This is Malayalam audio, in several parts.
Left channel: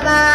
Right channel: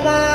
Bye-bye.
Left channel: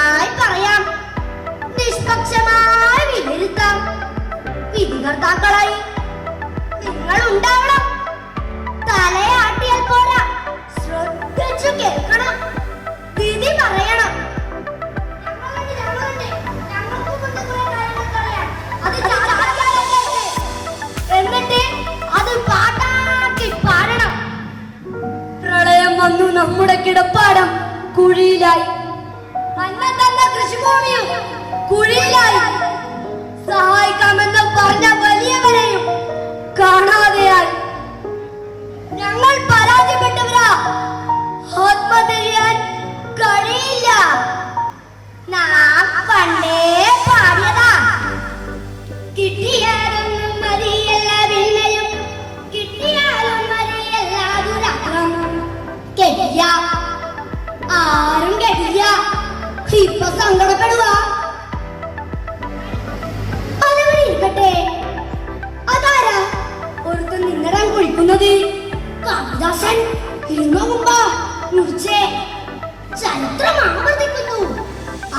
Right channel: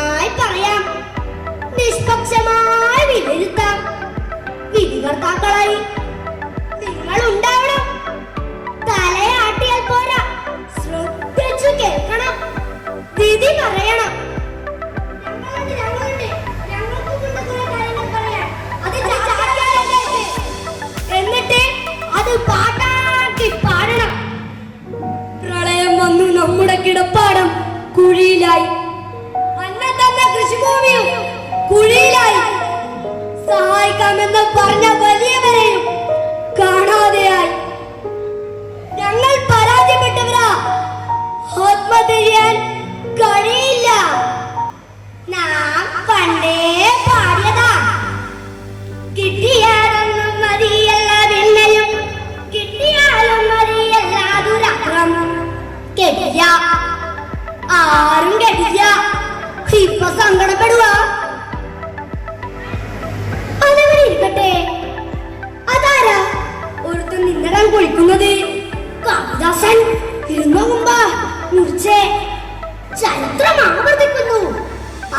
ചരിത്രം ആവർത്തിക്കുന്നു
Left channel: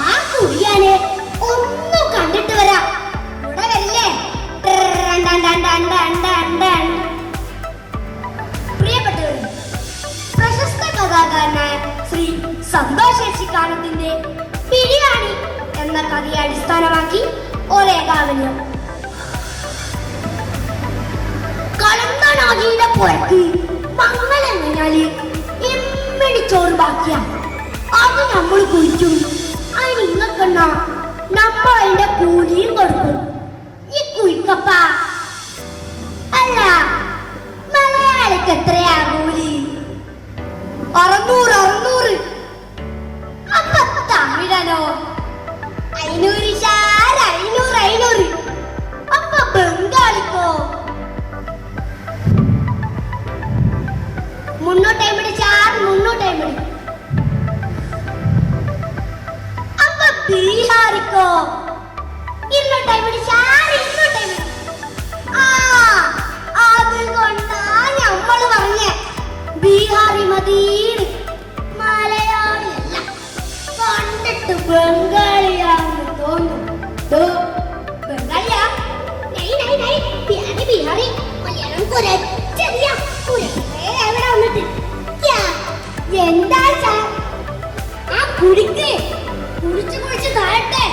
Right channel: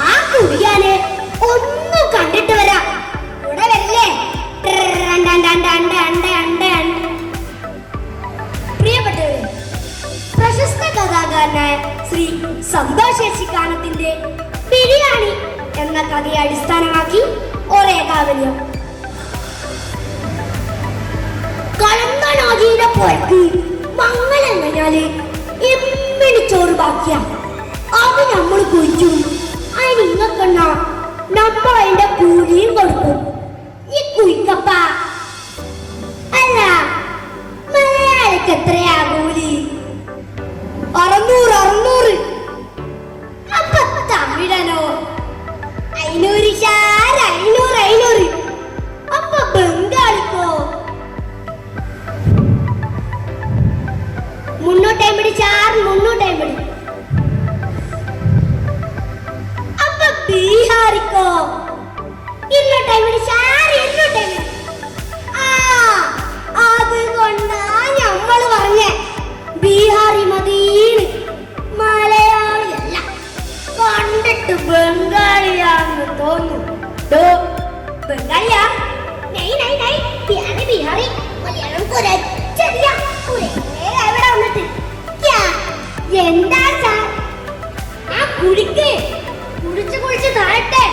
ആ കുടിയാനെ ഒന്നു കണ്ടിട്ട് വരാം. ഇവിടെ വരില്ലേ പ്രിയപ്പെട്ടവർ പ്രശസ്ത കഥാകാരനായ ശ്രീ സന്തോഷ് ശശികാന്തത്തിന്റെ ബിരിയാണി എന്ന കഥയെ അടിസ്ഥാനമാക്കി ഒരേ കാവല്യം കടന്നാണ് അതിന്റെ പുറത്ത് de ബംഗാളിയാ നൈ നൈ നൈ ബിഹാറി ബിഹാറി മലയാളം കുറച്ചറിയ കുറേ എവിടെ വന്നിട്ട്. എന്താ സാർ ആ കുടിക്ക്. കുടിച്ച് കുടിച്ച് താഴട്ടെ.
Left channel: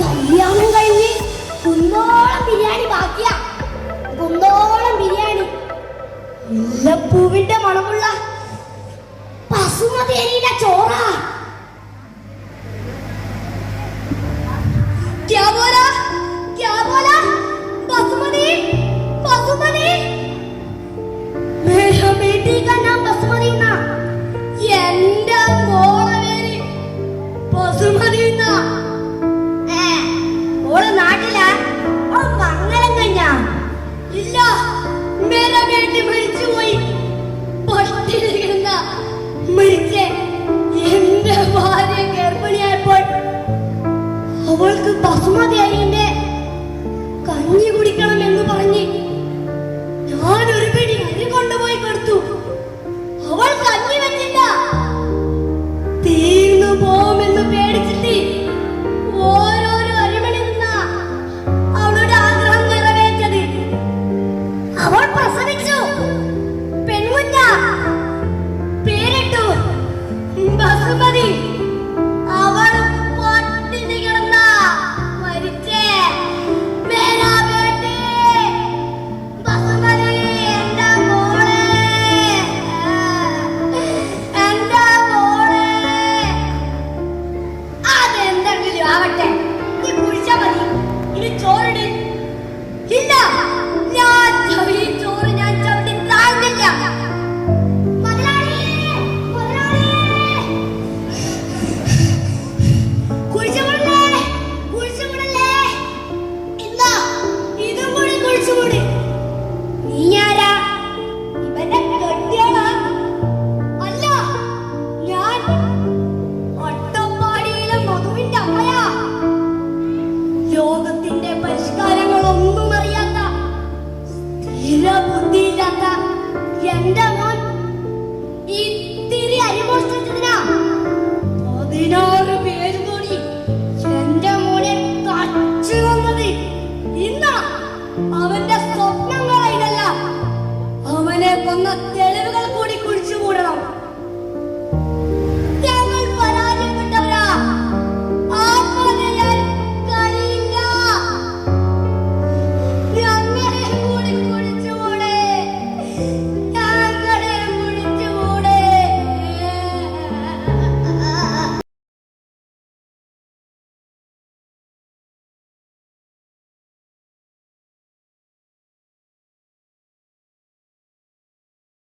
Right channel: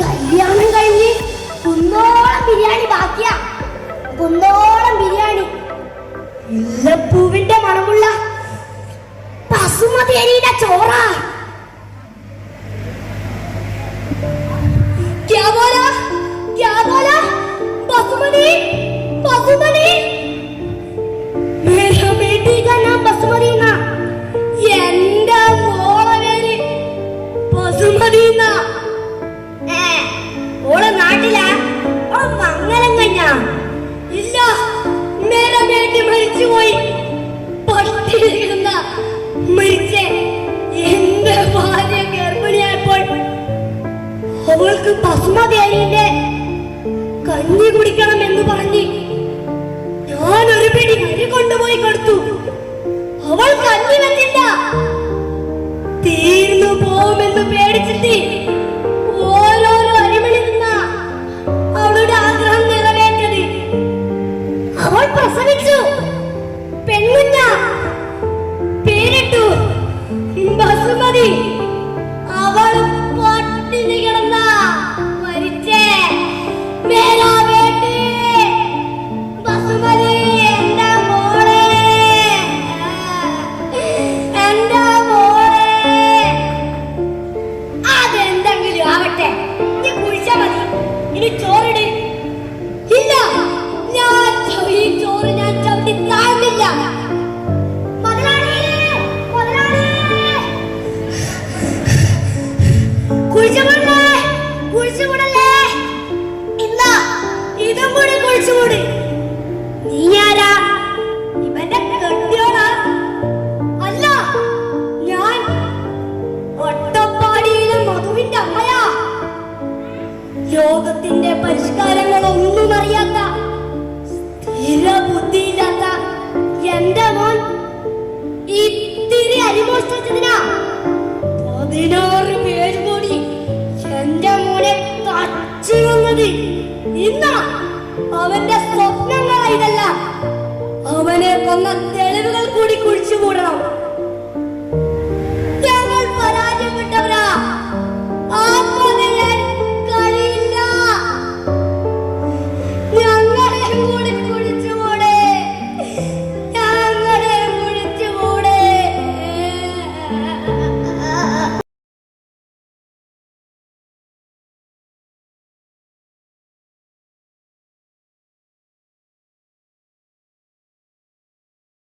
കല്യാണം കഴിഞ്ഞ് കുന്നോളം ബിരിയാണി ബാക്കിയാ. കുന്നോളം ബിരിയാണി. മുല്ലപ്പൂവിന്റെ മണമുള്ള ബസുമതി അരിയുടെ ചോറാ. മരിച്ചുപോയി. പട്ടിണി കിടന്ന മരിച്ചു അവൾ കഞ്ഞി വെച്ചിട്ട തീർന്നു പോകുമെന്ന് പേടിച്ചിട്ട് ഓരോരോ നിന്ന ആഗ്രഹം പ്രസവിച്ചു. ലോകത്തിന്റെ പരിഷ്കാരങ്ങളൊന്നും